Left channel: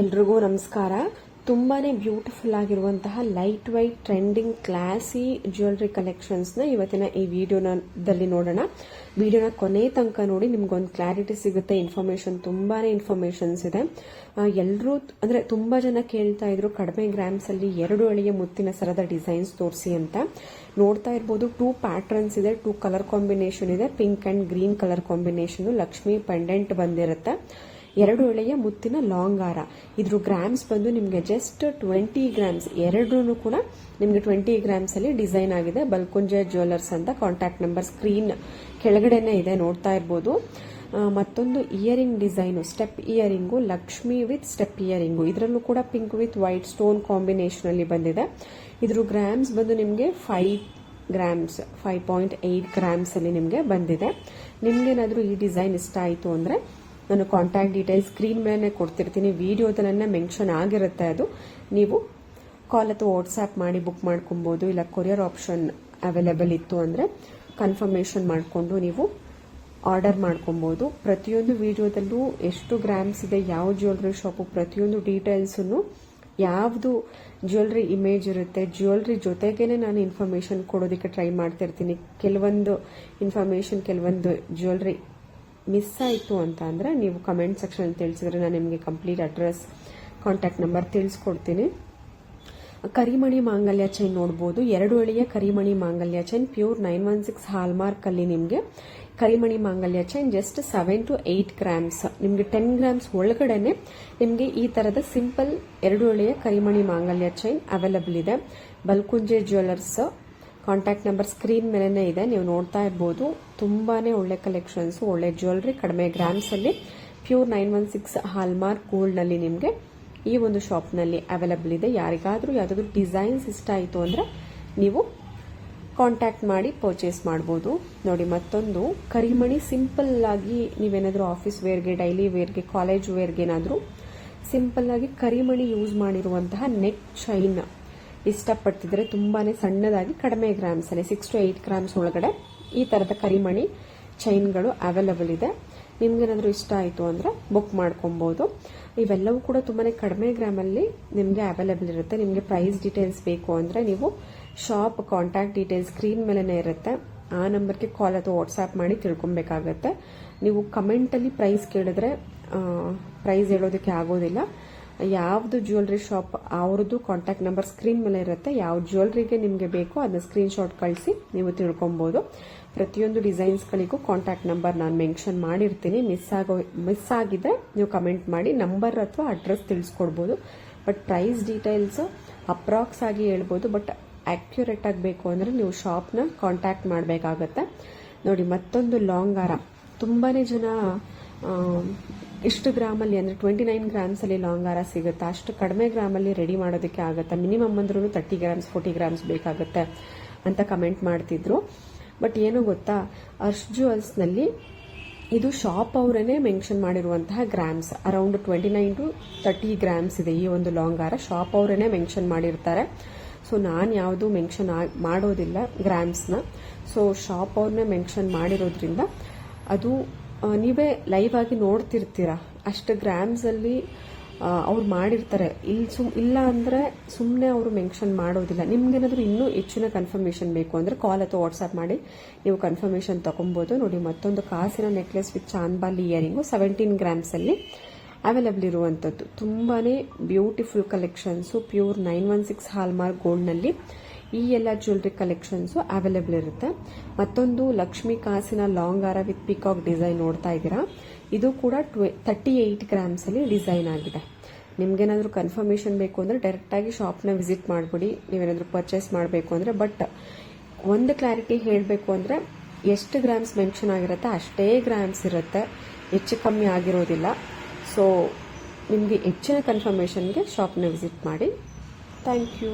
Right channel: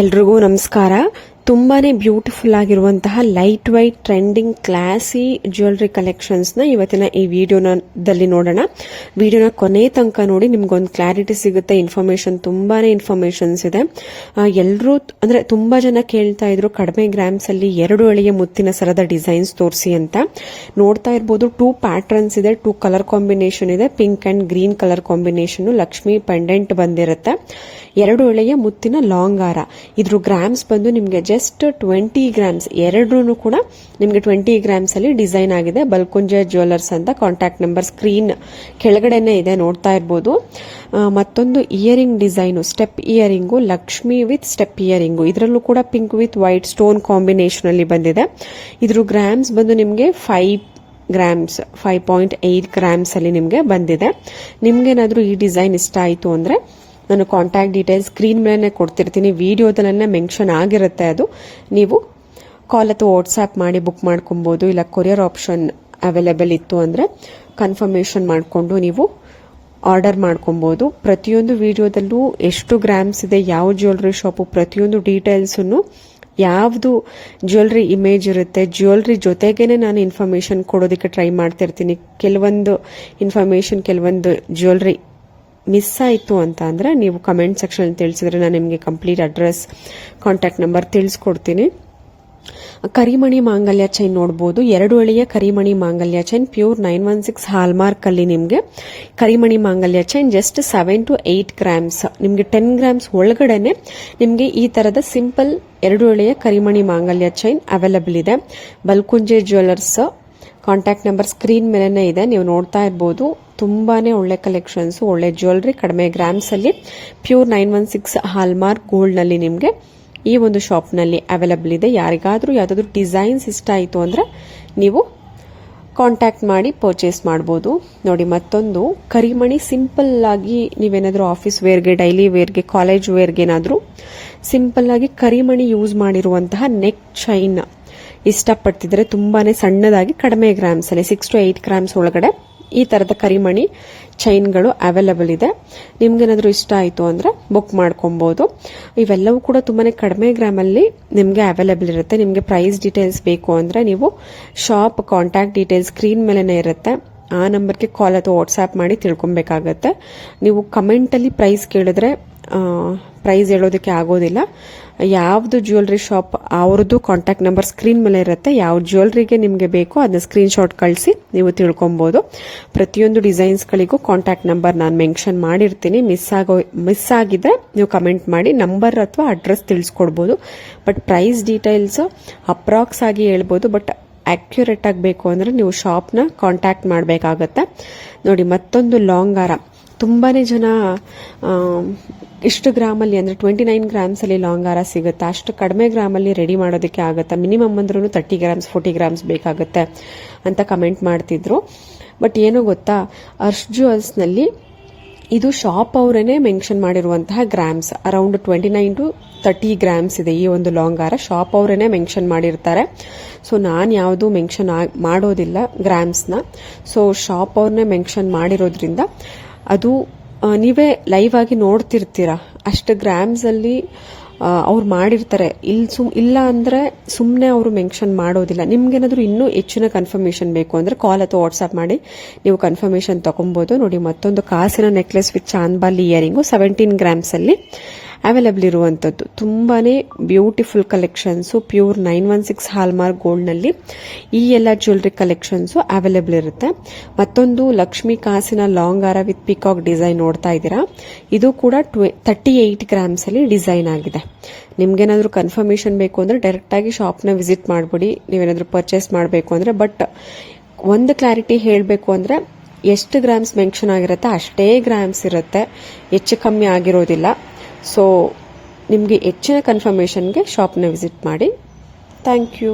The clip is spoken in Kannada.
ಎಲ್ರಿಗೂ ನಮಸ್ಕಾರ. ತುಂಬಾನೇ ಬ್ಯೂಟಿಫುಲ್ ಆಗಿರುವಂತಹ light white trending classy jewellery ಕಲೆಕ್ಷನ್ಸ್ನ ಇವತ್ತಿನ ಈ ವಿಡಿಯೋದಲ್ಲಿ ನೋಡೋಣ. ವಿಡಿಯೋನ ಕೊನೆ ತನಕ ನೋಡಿ, ನಿಮ್ಗೊಂದು ಕ್ಲಾರಿಟಿ ಸಿಗುತ್ತೆ. ತುಂಬಾನೇ ಇನ್ಫಾರ್ಮೇಶನ್ಸ್ ಇದೆ. ಎಲ್ಲರೂ ಅಂದ್ರೆ ತುಂಬಾ ಜನ ಕೇಳ್ತಾ ಇದ್ರು ಕಡಿಮೆ ಗ್ರಾಮ್ಸ್ ಅಲ್ಲಿ 2 ಎಳೆಯ ಮುತ್ತಿನ ಸರದ ಡಿಸೈನ್ಸ್ ತೋರಿಸಿ ಅಂತ. ನೋಡ್ತಾ ಇರ್ಬೋದು, 2 ಪ್ಯಾಟರ್ನ್ಸ್ ಇದೆ, 2 ಕಲರ್ ಕಾಂಬಿನೇಷನ್ ಇದೆ. Pink and green colour combination, Lakshmi pendant ಬಂದಿರುತ್ತೆ. 2 ಎಳೆಯ ಮುತ್ತಿನ ಲಾಂಗ್ ಹಾರ. ಇದ್ರ ಗ್ರಾಮ್ಸ್ ಬಂದು ನಿಮಗೆ ಜಸ್ಟ್ 20 ಗ್ರಾಮ್ಸ್. ಎರಡೂ ಕೂಡ ನಿಮಗೆ 20 ಗ್ರಾಮ್ಸ್ ಅಲ್ಲಿ ಡಿಸೈನ್ ಆಗಿದೆ. ಬಲ್ಕುಂಜೆ ಜ್ಯುವೆಲ್ಲರ್ಸ್ ಅಂತ ಕಾಂಟ್ಯಾಕ್ಟ್ ನಂಬರ್ ಸ್ಕ್ರೀನ್ ಕೆಳಗಡೆನೆ ಇದೆ, ನೋಡ್ತಾ ಇರ್ಬೋದು. ಮತ್ತೊಂದು earring design, step earring, Lakshmi with step earring. ಇದರಲ್ಲೂ ಕೂಡ pink with white stone combination ಅಲ್ಲಿ ಬಂದಿದೆ. ಇದ್ರ ಗ್ರಾಮ್ಸ್ ಬಂದು ನಿಮಗೆ 5 ಗ್ರಾಮ್ಸ್, 5.8 ಗ್ರಾಮ್ಸ್ ಅಲ್ಲಿ ನಿಮಗೆ ಬಂದಿದೆ. ನಿಮ್ಗೇನಾದ್ರೂ ಈ ಡಿಸೈನ್ ಇಷ್ಟ ಆಯಿತು ಅಂದ್ರೆ ನಾನು ಕಾಂಟ್ಯಾಕ್ಟ್ ಡೀಟೇಲ್ಸ್ ಸ್ಕ್ರೀನ್ ಮೇಲೆ ಕೊಡ್ತಿರ್ತೀನಿ. ವಿಡಿಯೋದಲ್ಲೇ ಮೆನ್ಷನ್ ಆಗಿರುತ್ತೆ. ಅದು ನೀವು ಕಾಲ್ ಅಥವಾ ವಾಟ್ಸ್ಆ್ಯಪ್ ಮಾಡಿ ಬುಕ್ ಮಾಡ್ಕೊಬೋದು. ಇಲ್ಲ ಕೊರಿಯರ್ ಆಪ್ಷನ್ ಅವೈಲೇಬಲ್ ಇತ್ತು ಅಂದರೆ ಕನ್ಫರ್ಮೇಷನ್ ಮಾಡಿಕೊಂಡು ನೀವು ಆರ್ಡರ್ ಮಾಡ್ಕೊಬೋದು. ಪ್ರತಿಯೊಂದು ವಿಡಿಯೋದಲ್ಲೂ ಎಷ್ಟು ಗ್ರಾಮ್ಸ್ ಇದೆ, ಯಾವ ಜ್ಯುವೆಲ್ರಿ ಶಾಪು, ಪ್ರತಿಯೊಂದು ಡೀಟೇಲ್ಸನ್ನು, ಯಾವುದು ಜ್ಯುವೆಲ್ರಿ ಇಮೇಜ್ ಇರುತ್ತೆ, ಜ್ಯುವೆಲ್ರಿ ಜೊತೆಗೇನೆ ನಾನು ಇನ್ಫಾರ್ಮೇಷನ್ ಕೊಡೋದಕ್ಕೆ ಟ್ರೈ ಮಾಡ್ತಿರ್ತೀನಿ. ಕೆಲವೊಂದು ಇನ್ಫಾರ್ಮೇಷನ್, ಕೆಲವೊಂದು ಜ್ಯುವೆಲ್ರಿ ಮಿಸ್ ಆಯಿತು ಅಂತ ಅಂದರೆ ನೀವು ಕಮೆಂಟ್ ಸೆಕ್ಷನ್ ತಿಳಿಸಿದ್ರೆ ನಾನು ನಿಮಗೆ ಕಂಪ್ಲೀಟ್ ಅಡ್ರೆಸ್, ಕಾಂಟ್ಯಾಕ್ಟ್ ನಂಬರ್ ತಿಳಿಸ್ಕೊಡ್ತೀನಿ. ಕರಿಮಣಿ ಮಾಂಗಲ್ಯ ಚೈನ್ ನೋಡ್ಬೋದು. 2 ಎಳೆಯ ಕರಿಮಣಿ ಮಾಂಗಲ್ಯ ಚೈನ್, ಪ್ಯೂರ್ 916 ಹಾಲ್ಮಾರ್ಕ್ ಅಲ್ಲಿ ನಿಮಗೆ ಕರಿಮಣಿ ಮಾಂಗಲ್ಯ ಚೈನ್ ಜಸ್ಟ್ 7 to 8 ಗ್ರಾಮ್ಸ್. ನಿಮಗೆ 10 ಗ್ರಾಮ್ಸ್ ಒಳಗಡೆನೆ ನಿಮಗೆ ಈ ತರದ ಸಿಂಪಲ್ 2 ಎಳೆಯ ಕರಿಮಣಿ ಮಾಂಗಲ್ಯ ಚೈನ್ ಅವೈಲೇಬಲ್ ಇದೆ. Balkunje jewellers contact number screen ಮೇಲೆನೇ ಇದೆ, ನೀವು ನೋಡ್ತಾ ಇರ್ಬೋದು. ತುಂಬಾನೇ ಒಳ್ಳೆ ಕಲೆಕ್ಷನ್ಸ್, ಒಳ್ಳೆ ಜ್ಯುವೆಲ್ರಿ ಕಡಿಮೆ ಗ್ರಾಮ್ಸ್ ಅಲ್ಲಿ ಪ್ಯೂರ್ 916 ಹಾಲ್ಮಾರ್ಕ್ ಗೋಲ್ಡ್ ನಲ್ಲಿ ನಿಮಗೆ ಈ ಒಂದು ಶಾಪ್ ನಲ್ಲಿ ಅವೈಲೇಬಲ್ ಇದೆ. ಯಾರಿಗಾದ್ರೂ ಯಾವ್ದಾದ್ರು ಡಿಸೈನ್ಸ್ ಇಷ್ಟ ಆಯಿತು ಅಂದ್ರೆ ನೀವು ಕಾಂಟ್ಯಾಕ್ಟ್ ಮಾಡಿ ಪರ್ಚೇಸ್ ಮಾಡ್ಬೋದು. ನೋಡಿ, ಮತ್ತೊಂದು ಕರಿಮಣಿ ಸಿಂಪಲ್ ಆಗಿ ನೀವೇನಾದ್ರೂ ಆಫೀಸ್ ವೇರ್ಗೆ, ಡೈಲಿ ವೇರ್ಗೆ, ಕಾಲೇಜ್ ವೇರ್ಗೆ ಏನಾದ್ರೂ ಸಿಂಪಲ್ ಆಗಿ ಕರಿಮಣಿ ಯೂಸ್ ಮಾಡಿರುವಂತಹ ನೆಕ್ ಚೈನ್ ಇಷ್ಟಪಡ್ತಿದ್ರೆ ತುಂಬಾನೇ ಸಣ್ಣದಾಗಿ ಕಡಿಮೆ ಗ್ರಾಮ್ಸ್ ಅಲ್ಲಿ 6 to 8 ಗ್ರಾಮ್ಸ್ ಒಳಗಡೆ ಈ ತರದ ಕರಿಮಣಿ ಚೈನ್ಗಳು ಅವೈಲೇಬಲ್ ಇದೆ. ನಿಮ್ಗೇನಾದ್ರೂ ಇಷ್ಟ ಆಯಿತು ಅಂದ್ರೆ ಬುಕ್ ಮಾಡ್ಕೊಬಹುದು. ಇವೆಲ್ಲವೂ ಕೂಡ ತುಂಬಾನೇ ಕಡಿಮೆ ಗ್ರಾಮ್ ಅಲ್ಲಿ ನಿಮ್ಗೆ ಅವೈಲೇಬಲ್ ಇರುತ್ತೆ. ನಿಮ್ಗೆ ಪ್ರೈಸ್ ಡೀಟೇಲ್ಸ್ ಬೇಕು ಅಂದ್ರೆ ನೀವು ಶಾಪ್ ಕಾಂಟ್ಯಾಕ್ಟ್ ಡೀಟೇಲ್ಸ್ ಸ್ಕ್ರೀನ್ ಮೇಲೆನೇ ಇರುತ್ತೆ. ಆ ನಂಬರ್ಗೆ ಕಾಲ್ ಅಥವಾ ವಾಟ್ಸ್ಆ್ಯಪ್ ಮಾಡಿ ತಿಳ್ಕೊಬೇಕಾಗತ್ತೆ. ನೀವು ಕಮೆಂಟ್ ಅಲ್ಲಿ ಪ್ರೈಸ್ ಕೇಳಿದ್ರೆ ಪ್ರೈಸ್ ಹೇಳೋದಕ್ಕೆ ಆಗೋದಿಲ್ಲ. ಯಾವ್ದು ಜ್ಯುವೆಲ್ರಿ ಶಾಪ್ ಅವ್ರದ್ದು ಕಾಂಟ್ಯಾಕ್ಟ್ ನಂಬರ್ ಸ್ಕ್ರೀನ್ ಮೇಲೆ ಇರುತ್ತೆ. ಯಾವ ಜ್ಯುವೆಲ್ರಿಗೆ ನಿಮಗೆ ಬೇಕೋ ಅದನ್ನ ಸ್ಕ್ರೀನ್ ಶಾಟ್ ಕಳಿಸಿ ನೀವು ತಿಳ್ಕೊಬಹುದು. ಪ್ರತಿಯೊಂದು ಡಿಸೈನ್ಸ್ಗಳಿಗೂ ಕಾಂಟ್ಯಾಕ್ಟ್ ನಂಬರ್ ನಾನು ಮೆನ್ಷನ್ ಮಾಡಿರ್ತೀನಿ. ಮಿಸ್ ಆಗಿದ್ರೆ ನೀವು ಕಮೆಂಟ್ ಮಾಡಿ ನಂಬರ್ ಅಥವಾ ಅಡ್ರೆಸ್ ತಿಳಿಸ್ಕೊಡ್ಬೋದು. ಬಟ್ ಪ್ರೈಸ್ ಡೀಟೇಲ್ಸ್ ಅಪ್ರಾಕ್ಸ್ ಆಗಿ ಹೇಳ್ಬೋದು. ಬಟ್ ಅಕ್ಯುರೇಟ್ ಆಗಬೇಕು ಅಂದರೆ ನೀವು ಶಾಪ್ನ ಕಾಂಟ್ಯಾಕ್ಟ್ ಮಾಡಬೇಕಾಗತ್ತೆ. ನೋಡಿ, ಮತ್ತೊಂದು ಲಾಂಗ್ ಹಾರ. ತುಂಬಾನೇ ಜನ ಇಷ್ಟು ಗ್ರಾಮಲ್ಲಿ ಅಂದರೆ 29 ಗ್ರಾಮ್ಸ್ ಅಲ್ಲಿ ಲಾಂಗ್ ಹಾರ ಸಿಗುತ್ತೆ, ಅಷ್ಟು ಕಡಿಮೆ ಗ್ರಾಮಲ್ಲಿ ರೆಡಿ ಮಾಡೋದಕ್ಕೆ ಆಗುತ್ತಾ, ಮಿನಿಮಮ್ ಅಂದ್ರೂ 30 ಗ್ರಾಮ್ಸ್ 40 ಗ್ರಾಮ್ಸ್ ಬೇಕಾಗುತ್ತೆ ಅಂತ ಕಮೆಂಟ್ ಮಾಡ್ತಿದ್ರು. ಬಟ್ ಏನೋ ಗೊತ್ತಾ, ಅರ್ಶ್ ಜ್ಯುವೆಲ್ಸ್ನಲ್ಲಿ ಇದು ಶಾಪ್ ಅವರೇನೆ ಮೆನ್ಷನ್ ಮಾಡಿರುವಂತಹ ಗ್ರಾಮ್ಸ್ ಅರೌಂಡ್ 29 to 30 ಗ್ರಾಮ್ಸ್ ಇದೆ. ಈ ಒಂದು ಲಾಂಗ್ ಹಾರ ಶಾಪ್ ಅವರೇನೆ ಮೆನ್ಷನ್ ಮಾಡಿರ್ತಾರೆ. ಸೊ ನಾನು ಯಾವುದು ಮೆನ್ಷನ್ ಮಾಡೋದಿಲ್ಲ ಗ್ರಾಮ್ಸ್ನ. ಸೊ ಶಾಪ್ ಅವ್ರನ್ನೇ ಮೆನ್ಷನ್ ಮಾಡಿರೋದ್ರಿಂದ ಅದು ನೀವೇ ಲೈವ್ ಆಗಿ ನೋಡ್ತಿರ್ತೀರಾ. ಅಷ್ಟು ಗ್ರಾಮ್ಸ್ ಅಲ್ಲಿ ಅವ್ರು ಮಾಡಿರ್ತಾರೆ. ಇಲ್ಲ ಅಂದ್ರೆ ಸುಮ್ಮನೆ ಅವರು ಮೆನ್ಷನ್ ಮಾಡೋದಿಲ್ಲ. ನಿಮ್ಗೇನಾದ್ರೂ ಇನ್ನೂ ಹೆಚ್ಚಿನ ಕನ್ಫರ್ಮೇಷನ್ ಬೇಕು ಅಂದ್ರೆ ಕಾಲ್ ಅಥವಾ ವಾಟ್ಸ್ಆ್ಯಪ್ ಮಾಡಿ ನೀವು ಕನ್ಫರ್ಮೇಷನ್ ತಗೊಬಹುದು. ನೋಡಿ, ಮತ್ತೊಂದು ಕಾಸಿನ necklace with chandbali earring 17 grams ಅಲ್ಲಿ ಅವೈಲೇಬಲ್ ಇರುವಂಥದ್ದು. ತುಂಬಾನೇ ಬ್ಯೂಟಿಫುಲ್ ಕಲೆಕ್ಷನ್ಸು, ಪ್ಯೂರ್ 916 ಹಾಲ್ಮಾರ್ಕ್ ಗೋಲ್ಡ್ನಲ್ಲಿ ಈ ಎಲ್ಲ ಜ್ಯುವೆಲ್ರಿ ಕಲೆಕ್ಷನ್ಸು ಅವೈಲೇಬಲ್ ಇರುತ್ತೆ. ಮತ್ತೊಂದು ಲಕ್ಷ್ಮಿ ಕಾಸಿನ ಲಾಂಗ್ ಹಾರ ವಿತ್ ಪಿಕಾಕ್ ಡಿಸೈನ್ ನೋಡ್ತಾ ಇದ್ದೀರಾ. ಇದು ಕೂಡ 38 ಗ್ರಾಮ್ಸ್ ಅಲ್ಲಿ ಡಿಸೈನ್ ಆಗಿದೆ. ನಿಮ್ಗೇನಾದ್ರೂ ಕನ್ಫರ್ಮೇಷನ್ ಬೇಕು ಅಂದ್ರೆ ಡೈರೆಕ್ಟ್ ಆಗಿ ಶಾಪ್ನ ವಿಸಿಟ್ ಮಾಡ್ಬಿಡಿ, ನೀವೇನಾದ್ರೂ ಪರ್ಚೇಸ್ ಮಾಡಬೇಕು ಅಂದ್ರೆ. ಬಟ್ ಒಂದು ಕ್ಲಾರಿಟಿ ಹೇಳಬೇಕು ಅಂದ್ರೆ ಎಷ್ಟು ಗ್ರಾಮ್ಸ್ ಮೆನ್ಷನ್ ಆಗಿರುತ್ತೆ ಅಷ್ಟೇ ಗ್ರಾಮ್ಸ್ ಇರುತ್ತೆ, ಹೆಚ್ಚು ಕಮ್ಮಿ ಆಗಿರೋದಿಲ್ಲ. ಸೊ ನಿಮಗೆ ಹೆಚ್ಚಿನ ಕನ್ಫರ್ಮೇಷನ್ಗೆ ಶಾಪ್ನ ವಿಸಿಟ್ ಮಾಡಿ. Thank you.